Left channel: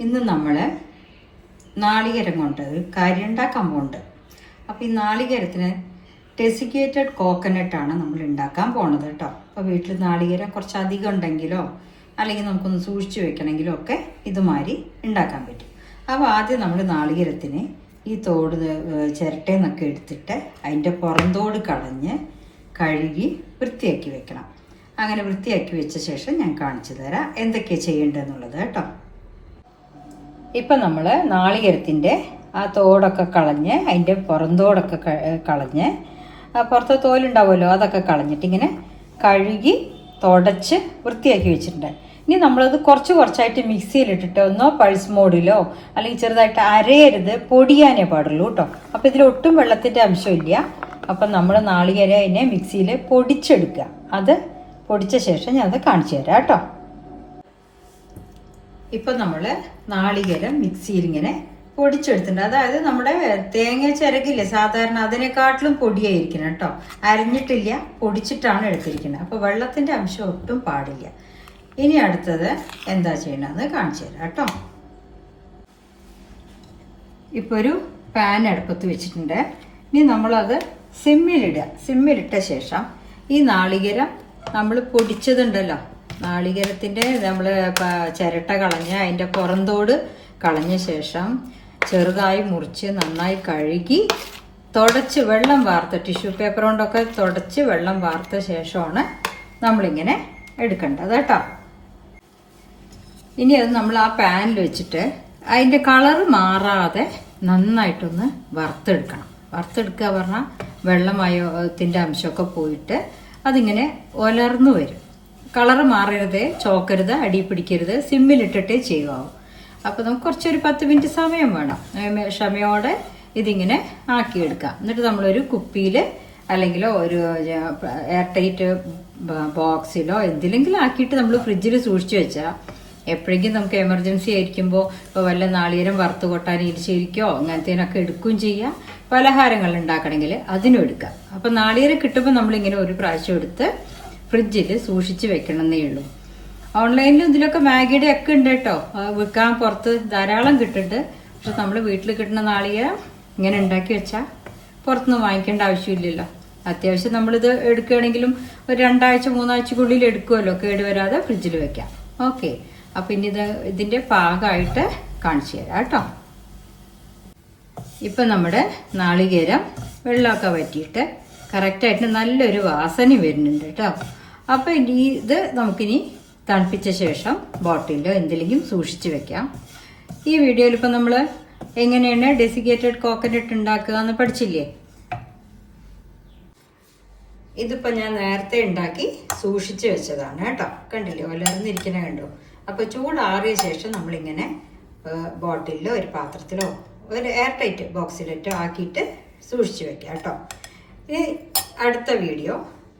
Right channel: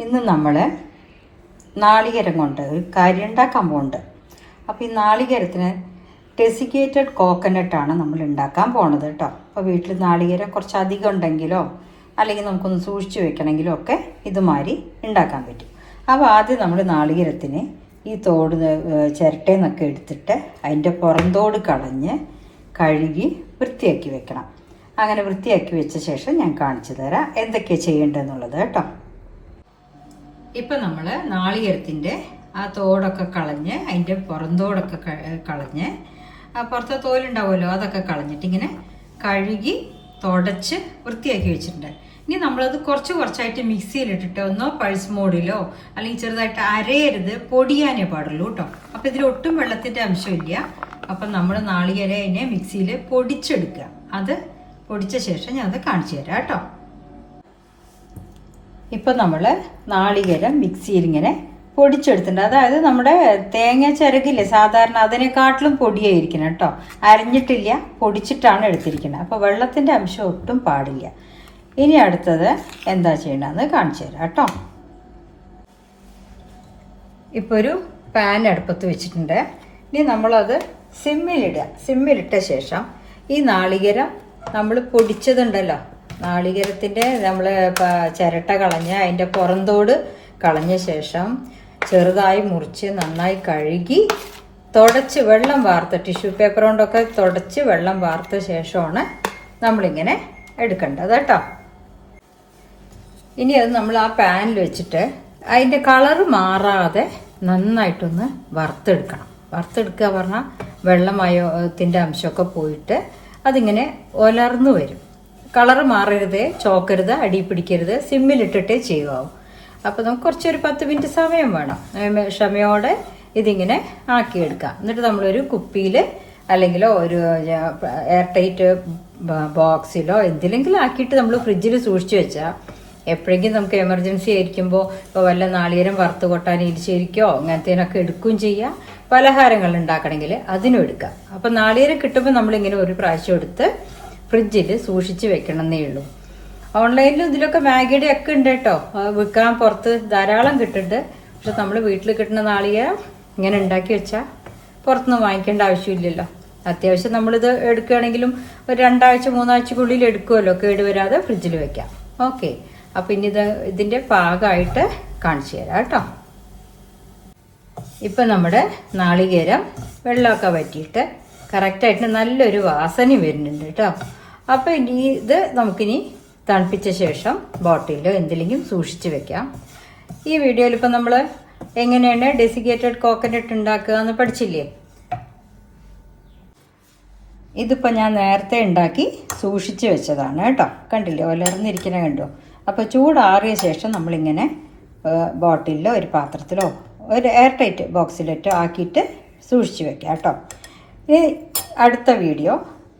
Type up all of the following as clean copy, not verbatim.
ഇന്ന് നമ്മൾ നാളികേരം കൊണ്ട് ഒരു കാര്യം ഉണ്ടാക്കാൻ പോകുന്നുണ്ട്. അപ്പോൾ ഈ നാളികേരത്തിന് ഡെസിക്കേറ്റഡ് കോക്കനട്ടാണ് നമ്മൾ ഉണ്ടാക്കാൻ പോണത് കേട്ടോ. അപ്പോൾ വീട്ടിൽ നാളികേരം കുറച്ച് അധികം ഉണ്ടെങ്കിലോ അല്ലെങ്കിൽ നമുക്കൊന്ന് സൂക്ഷിച്ച് വെക്കണമെങ്കിലോ ഒക്കെ ഇതുമാതിരി ഉണ്ടാക്കാൻ പറ്റും. അപ്പോൾ ആദ്യം നമ്മൾ നാളികേരത്തിന് ഈ തോട് ചിരട്ടയെന്നൊക്കെ എടുത്തിട്ട് അതിൻ്റെ പുറന്തോട് കളഞ്ഞ് കഴുകി വൃത്തിയാക്കി വെക്കണം. അങ്ങനെ വൃത്തിയാക്കി വെച്ച ശേഷം ഞാൻ കാണിച്ചു തരാം എന്തൊക്കെയാണ് ചെയ്യേണ്ടതെന്നുള്ളത് കേട്ടോ. ഇപ്പം നമ്മൾ നാളികേരത്തിൻ്റെ ആ തോടൊക്കെ കളഞ്ഞ് അതിൻ്റെ പുറന്തോടൊക്കെ കളഞ്ഞ് പുറത്തെ തോലുണ്ടാവുമല്ലോ അതൊക്കെ കളഞ്ഞിട്ട് ഇങ്ങനെ കഴുകി തുടച്ച് വൃത്തിയാക്കി വെച്ചിട്ടുണ്ട്. ഇനി നമ്മളത് കുറച്ചായിട്ട് മിക്സിയിലിട്ടിട്ട് ഒന്നോ പൾസ് മോഡിലോ അല്ലെങ്കിൽ ചെറുതായിട്ട് അരയരുത്, പൊടിയാനേ പാടുള്ളൂ കേട്ടോ. അപ്പം ഇതിലൊട്ടും വെള്ളത്തിൻ്റെ അംശമില്ല. അപ്പം നമ്മൾ നാളികേരം അതിനെ മിക്സിയിൽ പൊടിച്ചെടുക്കുക. അത് പൊടിച്ച ശേഷം ഞാനത് കാണിച്ചു തരാം കേട്ടോ. ഇപ്പം നമ്മൾ നാളികേരം മിക്സിയിൽ ഇങ്ങനെ പൊടിച്ചെടുത്തിട്ടുണ്ട്. അതായത് നമ്മുടെ തേങ്ങ ചിരകില്ലേ സാധാരണ അതിനെക്കാട്ടിലും പൊടിയായിരിക്കണം കേട്ടോ. അരിഞ്ഞിട്ടില്ല, പൊടിച്ചിട്ടാണ് എടുത്തിരിക്കുന്നത്. അപ്പോൾ വെള്ളത്തിൻ്റെ അംശം ഒട്ടും പാടില്ല. ഇനി അടുത്തത് എന്താ ചെയ്യണമെന്ന് കാണിച്ചു തരാം കേട്ടോ. ഇപ്പോൾ ഒരു പാൻ അടുപ്പത്ത് വെച്ചിട്ടുണ്ട്. ഇനി നമ്മളത് സിമ്മിലിടുക. സിമ്മിലിട്ട ശേഷം ഈ നാളികേരം നമ്മൾ പൊടിച്ചതുണ്ടല്ലോ, നാളികേരത്തിൻ്റെ നമ്മൾ ചിരട്ട കളഞ്ഞ് അതിൻ്റെ പുറന്തോട് കളഞ്ഞ ശേഷം ചെറുതായി മുറിച്ച് നന്നായി കഴുകി തുടച്ച് വെള്ളം വാർത്ത ടിഷ്യൂ പേപ്പർ കൊണ്ടൊക്കെ തുടച്ച് വെള്ളം വാർത്ത ശേഷമാണ് നമ്മളിങ്ങനെ എടുക്കേണ്ടത് കേട്ടോ. ഇനി അത് നമ്മൾ ആ പാനിൽ വെച്ചിട്ട് അതിൻ്റെ കളറ് മാറാതെ നന്നായിട്ടൊന്ന് വറുത്തെടുക്കണം. വറുത്തെടുക്കുക പറഞ്ഞാൽ വെള്ളമയത്തിൻ്റെ അംശമൊക്കെ പോയിട്ട് അതിങ്ങനെ ഒലർന്നു വരും. കളറ് മാറരുത്, ചോക്കരുത്, അടി പിടിക്കരുത്, സിമ്മിലിട്ടിട്ടേ ചെയ്യുമാവും. അപ്പോൾ നമുക്ക് കുറച്ചൊരു 10 മിനിറ്റ് സമയം വേണം. ക്ഷമയോടെ ഇതിങ്ങനെ ആക്കിയെടുക്കാം. എന്നിട്ട് നമ്മളൊരു കുപ്പിയിൽ അല്ലെങ്കിലോ ഒരു എയർ ടൈറ്റ് ബോക്സിലോ എന്തിലെങ്കിലും ആക്കിയിട്ട് നമ്മൾ ഫ്രിഡ്ജിൽ സൂക്ഷിച്ച് വെച്ചാൽ എപ്പോഴെങ്കിലും നമുക്ക് എമർജൻസി ആയിരിക്കുമ്പോൾ ഇപ്പോൾ വല്ല നാളികേരം വറുത്ത് കൊട്ടാൻ ഇരിശേരിക്കോ അങ്ങനത്തേനൊക്കെ എടുക്കുകയും ചെയ്യാം. പലഹാരങ്ങൾ ഉണ്ടാക്കണമെങ്കിൽ അതിനും എടുക്കാം. അപ്പം നാളികേരം കിട്ടുമ്പോൾ നമ്മളിങ്ങനെ ഒരു പ്രാവശ്യം എടുത്ത് ഫ്രിഡ്ജിൽ സൂക്ഷിച്ച് വെക്കണമെന്നേ ഉള്ളൂ. ഓൺലൈനിലും ഇതിലൊക്കെ മാഗിയുടെ ഒക്കെ ഉണ്ട് കേട്ടോ, വിൽക്കാൻ പുറത്ത് ധാരാളം കിട്ടുന്നുണ്ട്. പക്ഷെ നമ്മൾ വീട്ടിൽ കിട്ടുന്ന നാളികേരം ഇങ്ങനെ ഉണ്ടാക്കി വെച്ചാൽ പുറത്തുനിന്ന് വാങ്ങിക്കേണ്ട ആവശ്യമില്ലല്ലോ. അത്യാവശ്യം നമ്മളിത് എടുക്കുകയാണെങ്കിലും ഒരു 2 ആഴ്ച 3 ആഴ്ചക്കുള്ളിൽ എടുക്കുമല്ലോ, കേടുവരാതെ ഫ്രിഡ്ജിൽ വെക്കാം. ഓക്കെ, അപ്പം ഇനി ഇതിൻ്റെ പാകമായിട്ട് കാണിച്ചു തരാം കേട്ടോ. ഇപ്പം നമ്മുടെ നാളികേരം വെള്ളമൊക്കെ വറ്റിയിട്ട് കറക്റ്റായിട്ട് നല്ലൊരു വാസന വരുന്നുണ്ട് കേട്ടോ. അപ്പം ഇനി ഇത് നമുക്കിനി തണുപ്പിച്ച ശേഷം ബോട്ടിലോ എന്തെങ്കിലും സൂക്ഷിച്ച് വെക്കാം. ഈ വീഡിയോയിൽ ഇപ്പം നമ്മൾ എങ്ങനെയാണ് ഡെസിക്കേറ്റഡ് കോക്കനട്ട് ഉണ്ടാക്കുക എന്ന് പഠിച്ചില്ലേ? ഇതിപ്പോൾ ഞാൻ നേരത്തെ ഉണ്ടാക്കി സൂക്ഷിച്ച് വെച്ചതാണ് കേട്ടോ. കണ്ടില്ലേ, ഒലർന്നിരിക്കണ കണ്ടോ? അപ്പോൾ ചൂടാറിയ ശേഷം നമ്മളിങ്ങനെ ബോട്ടിലോ ഒരു പാത്രത്തിലോ ഒരു എയർ ടൈറ്റ് ബോക്സിലിട്ടോ ആക്കിയിട്ട് സൂക്ഷിച്ച് വെക്കാം കേട്ടോ. ഈ അടുത്ത വീഡിയോ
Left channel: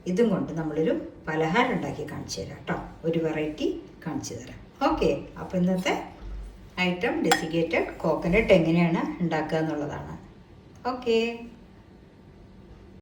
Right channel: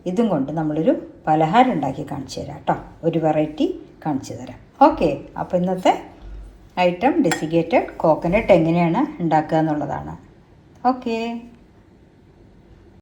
ഇതും കൊണ്ട് നമ്മളൊരു പലഹാരം ഉണ്ടാക്കി കാണിച്ചു തരാം കേട്ടോ. ഒരു വെറൈറ്റി കാണിച്ചു തരാം. ഓക്കെ, അപ്പോൾ ഇന്നത്തെ ഐറ്റം ഡെസിക്കേറ്റഡ് കോക്കനട്ട് എങ്ങനെയാണ് ഉണ്ടാക്കുക എന്നുള്ളതാണ്. ഓക്കെ.